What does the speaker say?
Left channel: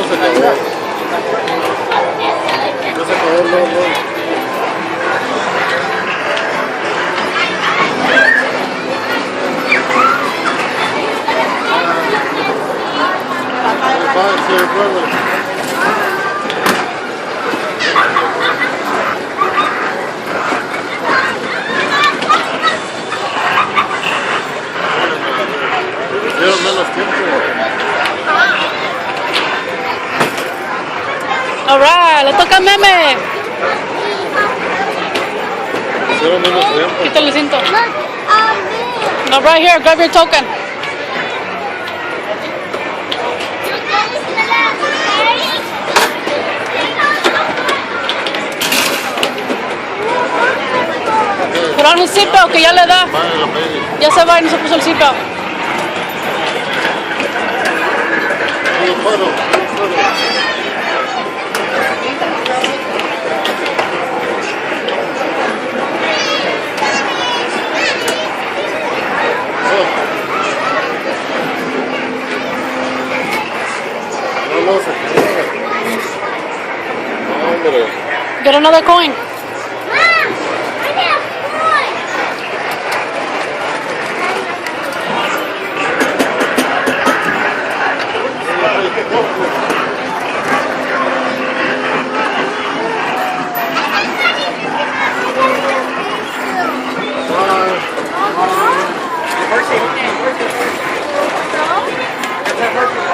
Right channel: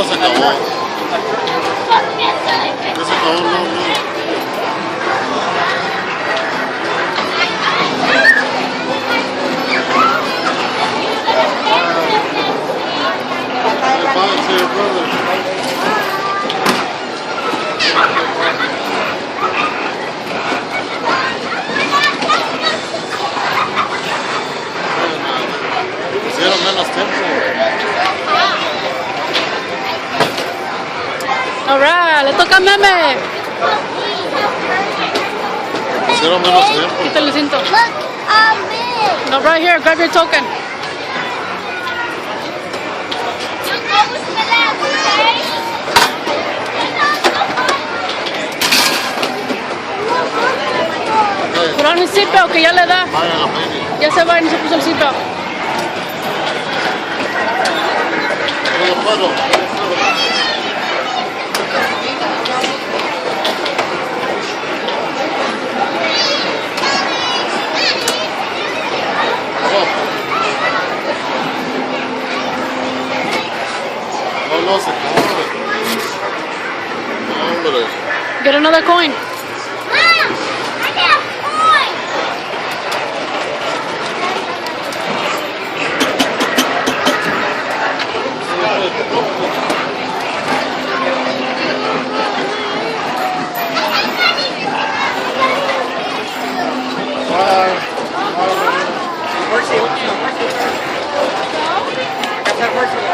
No, se acabó. Ya se acabó, no, no. Bye, see your brother. Hicieron menos tiempo. Alright, le toca a Meme. Hicieron menos tiempo. Quítale el cinto. Look, me. No, right here, grab your token. Put on his seatbelt, que ya le da. Vaya la baby. Ya se va y no se puso el seatbelt. No puedo. No, se puede. Hombre. Get another coin. Working. That's not working.